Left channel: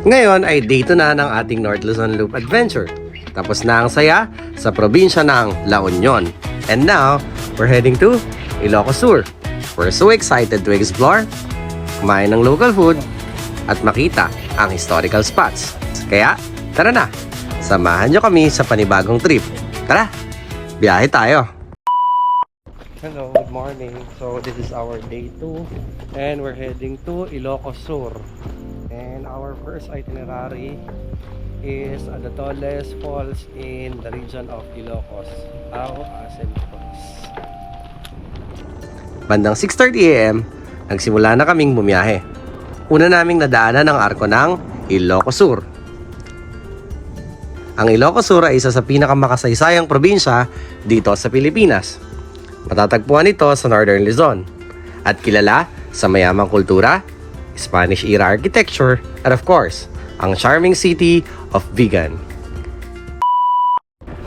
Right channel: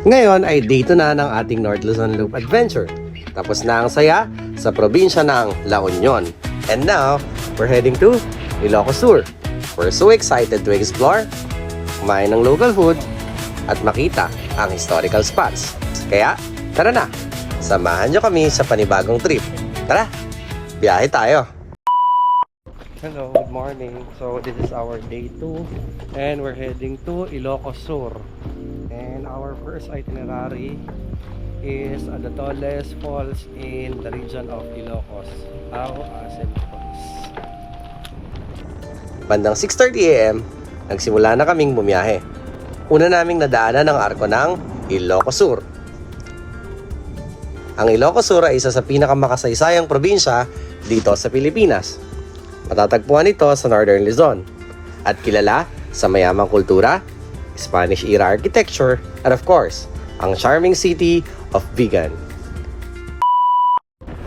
Ngayon ay day 2 na ng ating North Luzon Loop Adventure. Tapos na ang saya sa probinsya ng La Union. And now, we're heading to Ilocos Sur. We're so excited to explore, kumain ng local food, at makita ang historical spots. Kaya, tara na! Samahan nyo kami sa panibagong trip. Tara! Biyahe tayo! Hello, good morning. So, this is our day 2 and we're heading to Ilocos Sur. And our first itinerary is the tallest falls in the region of Ilocos, Ao-Asen Falls. Bandang 6:30 AM, nagsimula na kaming bumiyahe. Una naming nadaanan ang arko ng Ilocos Sur. Ang Ilocos Sur ay isa sa pinakamakasaysayang probinsya dito sa Pilipinas. Matatagpuan ito sa Northern Luzon at kilala sa mayamang kultura, Spanish-era architecture, at of course, ang charming city of Vigan.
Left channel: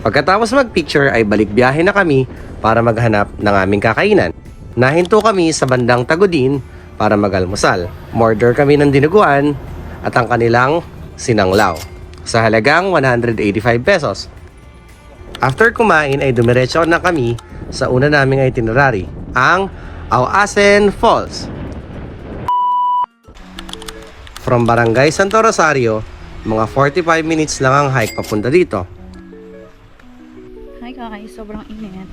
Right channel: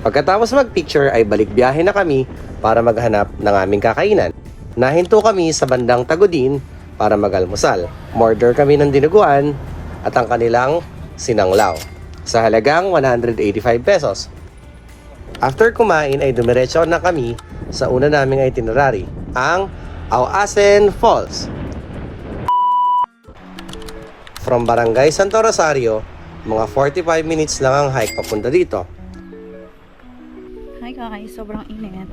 Pagkatapos mag-picture ay balik biyahe na kami para maghanap ng aming kakainan. Nahinto kami sa bandang Tagudin para mag-almusal. Order kami ng dinuguan at ang kanilang sinanglaw sa halagang 185 pesos. After kumain ay dumiretso na kami sa una naming itinerary, ang Ao-Asen Falls. From Barangay Santo Rosario, mga 45 minutes lang ang hike papunta dito. Hi guys, sobrang init.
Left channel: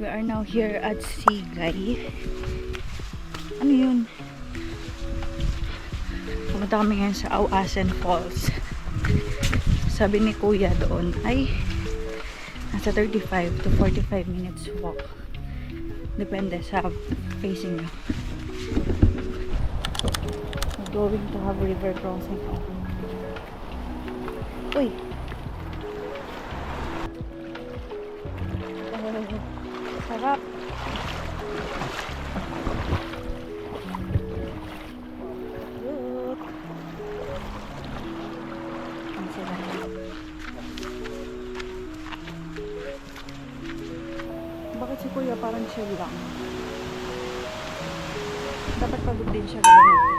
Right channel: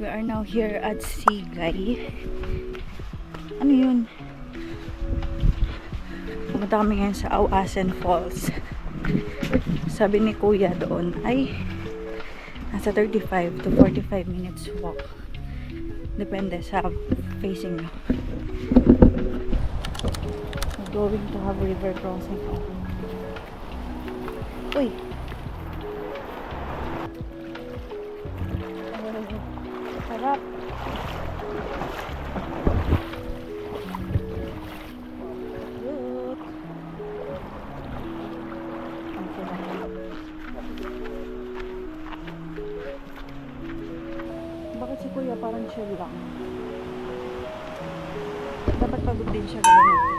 We are now here at Sigay. Ano yun? Pumunta kami ngayon sa Ao-Asen Falls. Sabi ni Kuya doon ay nasa 35 to 45 minutes walk. Depende sa facing nyo. We're going to have river crossing. Uy! Sarap! Look! Ang sarap. Bakit si Kuya parang chill lang? Dapat pagod din siya gawin natin.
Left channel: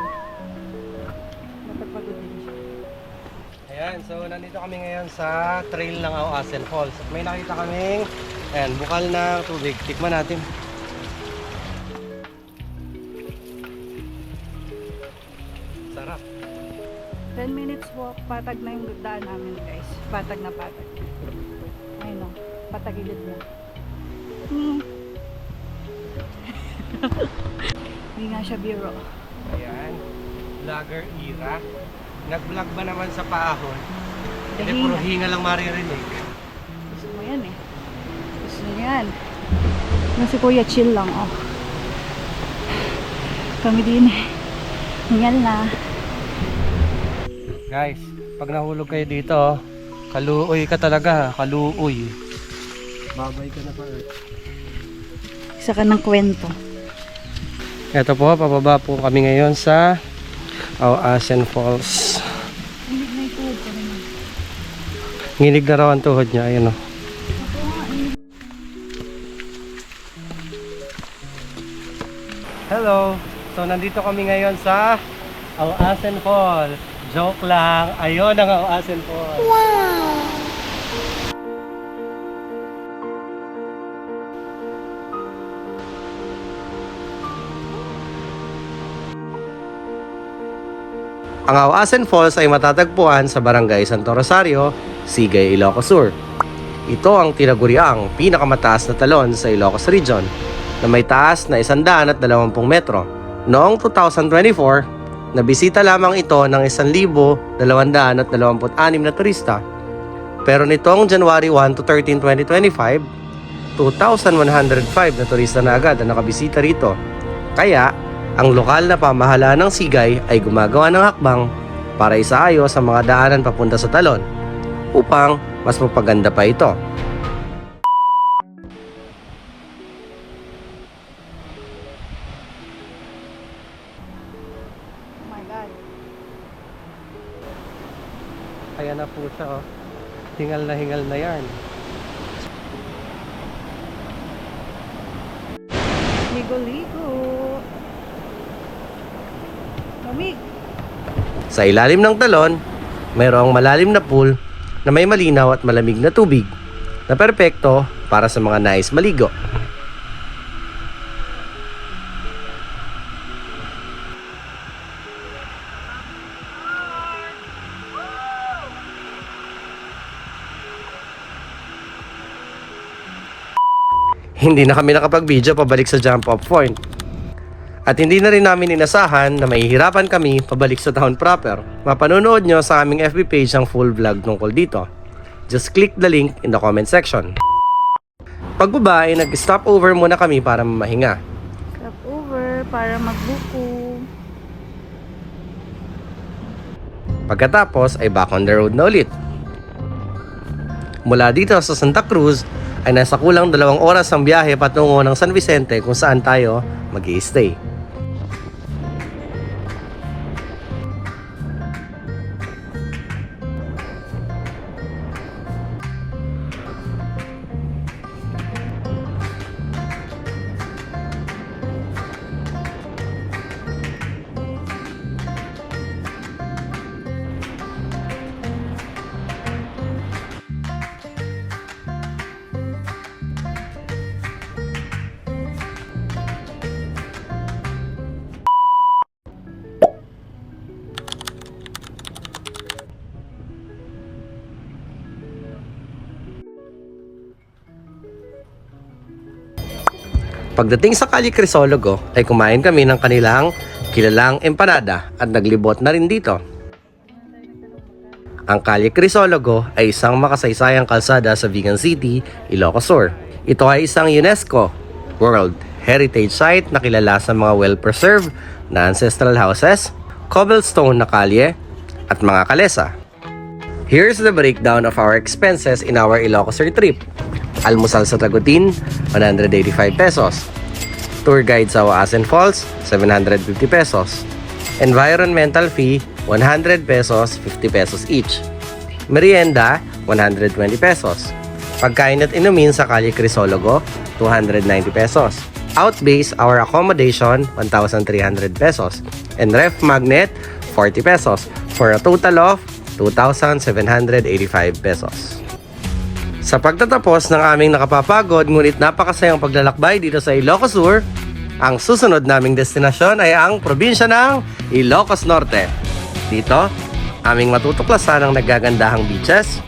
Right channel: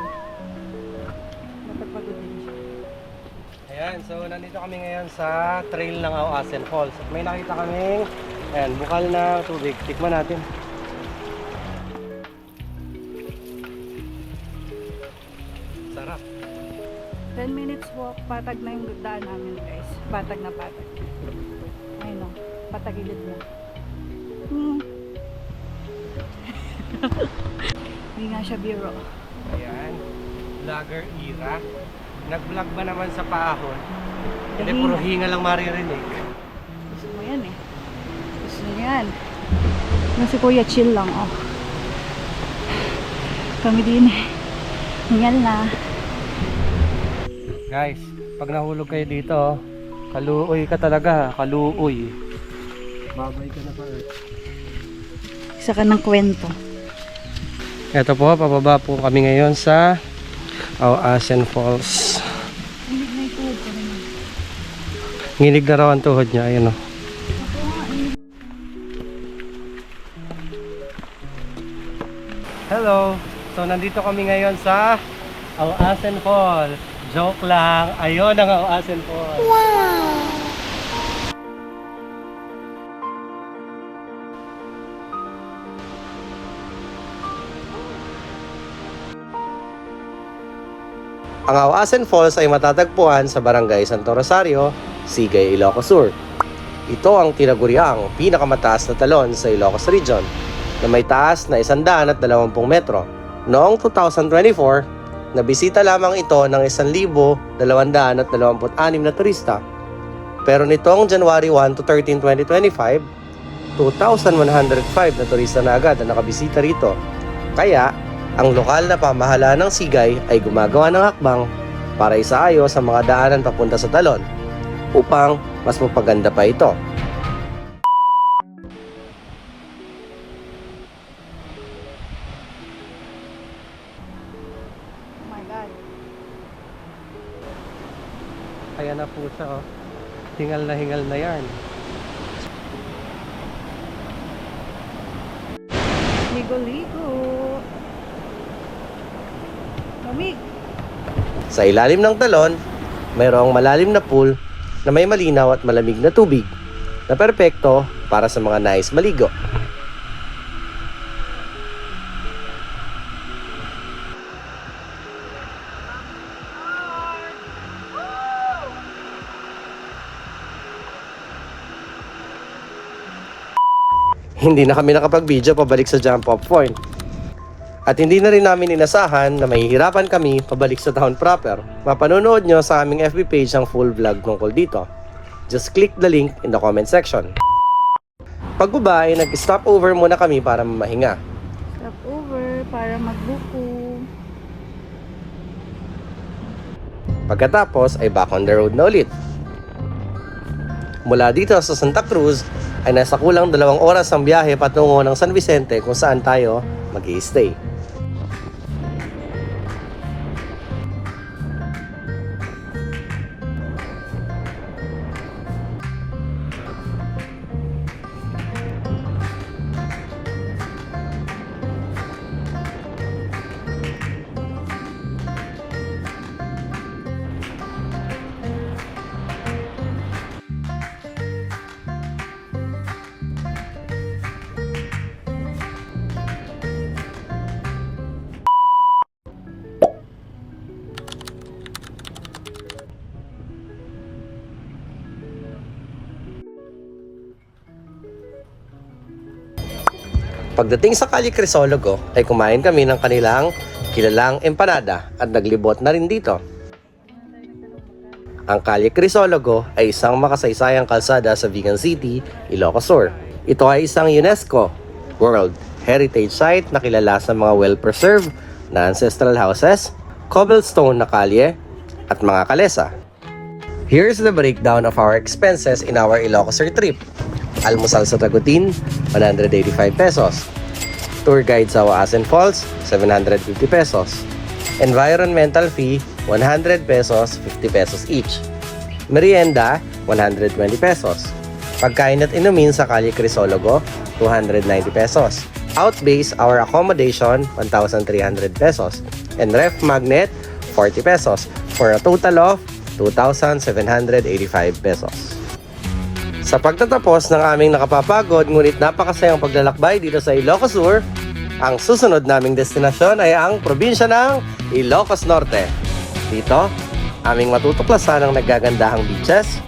Dapat pagod din siya. Ayan, so nandito kami ngayon sa trail ng Ao-Asen Falls. May nakita kaming bukal na tubig. Tikman natin. Sarap. 10 minutes walk, patag na yung daan namin guys. Patag na patag. Ayun o, patagilid niya. Hindi nga siya biro. Ayan, vlogger Ira. Nag-vlog ba naman sa paahon? Hindi, Hinga. puro hinga lang maririnig. Gusto mo yan eh. Gusto niya yan. Yung si Kuya chill lang oh. Kami din eh. Hingal na. Guys, pag nahulog kayo dito, kaluoy ka talaga, kaluoy. Babay ka na pa. Isa ka ng kwento. Ito po, pababa po kami ngayon sa Ao-Asen Falls. Hindi na ito. Nginig na raw ang tuhod niya, ayun o. Hello! So nandito kami ngayon sa Ao-Asen Falls. Joke lang, ayun ang Ao-Asen Falls. Wow! Ang Ao-Asen Falls ay matatagpuan sa Barangay Santo Rosario, Sigay, Ilocos Sur. Ito ang tinaguriang pinakamataas na talon sa Ilocos Region na may taas na 120 metro. Noong 2024, nabisita lamang ito ng 1,226 na turista. Pero nitong January 1 to 13, 2025, 2,105 na turista na agad ang nakabisita rito. Kaya, ang lokal na pamahalaan ng Sigay ay gumagawa ng hakbang para isaayos sa mga daanan papunta sa talon upang mas mapaganda pa ito. Oh my God. Kaya na po siya, oh. Hingal na yan. Ligo-ligo. Lamig. Sa ilalim ng talon, mayroong malalim na pool na may malinaw at malamig na tubig na perpekto para sa mga nais maligo. Hindi na kami nakapag-video pabalik sa jump off point. At hindi na rin namin inasahan na mahihirapan kami pabalik sa town proper. Mapanonood nyo sa aming FB page ang full vlog tungkol dito. Just click the link in the comment section. Pagbaba ay nag-stop over muna kami para mahinga. Stop over para magbuko. Pagkatapos ay back on the road na ulit. Mula dito sa Santa Cruz ay nasa kulang 2 oras ang biyahe patungo ng San Vicente kung saan tayo mag-i-stay. Pagdating sa Calle Crisologo ay kumain kami ng kanilang kilalang empanada at naglibot na rin dito. Ang Calle Crisologo ay isang makasaysayang kalsada sa Vigan City, Ilocos Sur. Ito ay isang UNESCO World Heritage Site na kilala sa mga well-preserved na ancestral houses, cobblestone na kalye, at mga kalesa. Here's the breakdown of our expenses in our Ilocos Sur trip. Almusal sa Tagutin, 185 pesos. Tour guide sa Auasen Falls, 750 pesos. Environmental fee, 100 pesos, 50 pesos each. Merienda, 120 pesos. Pagkain at inumin sa Calle Crisologo, 290 pesos. Outbase, our accommodation, 1,300 pesos. And ref magnet, 40 pesos. For a total of 2,785 pesos. Sa pagtatapos ng aming nakapapagod ngunit napakasayang paglalakbay dito sa Ilocos Sur, ang susunod naming destinasyon ay ang probinsya ng Ilocos Norte. Dito, aming matutuklasan ang nagagandahang beaches,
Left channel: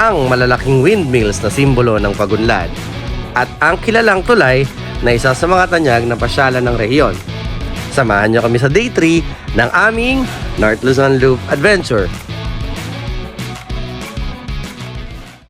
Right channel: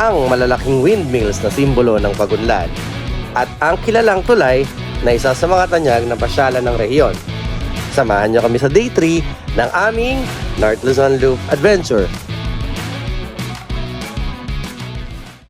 ang malalaking windmills na simbolo ng pagunlad, at ang kilalang tulay na isa sa mga tanyag na pasyalan ng rehiyon. Samahan niyo kami sa day 3 ng aming North Luzon Loop Adventure.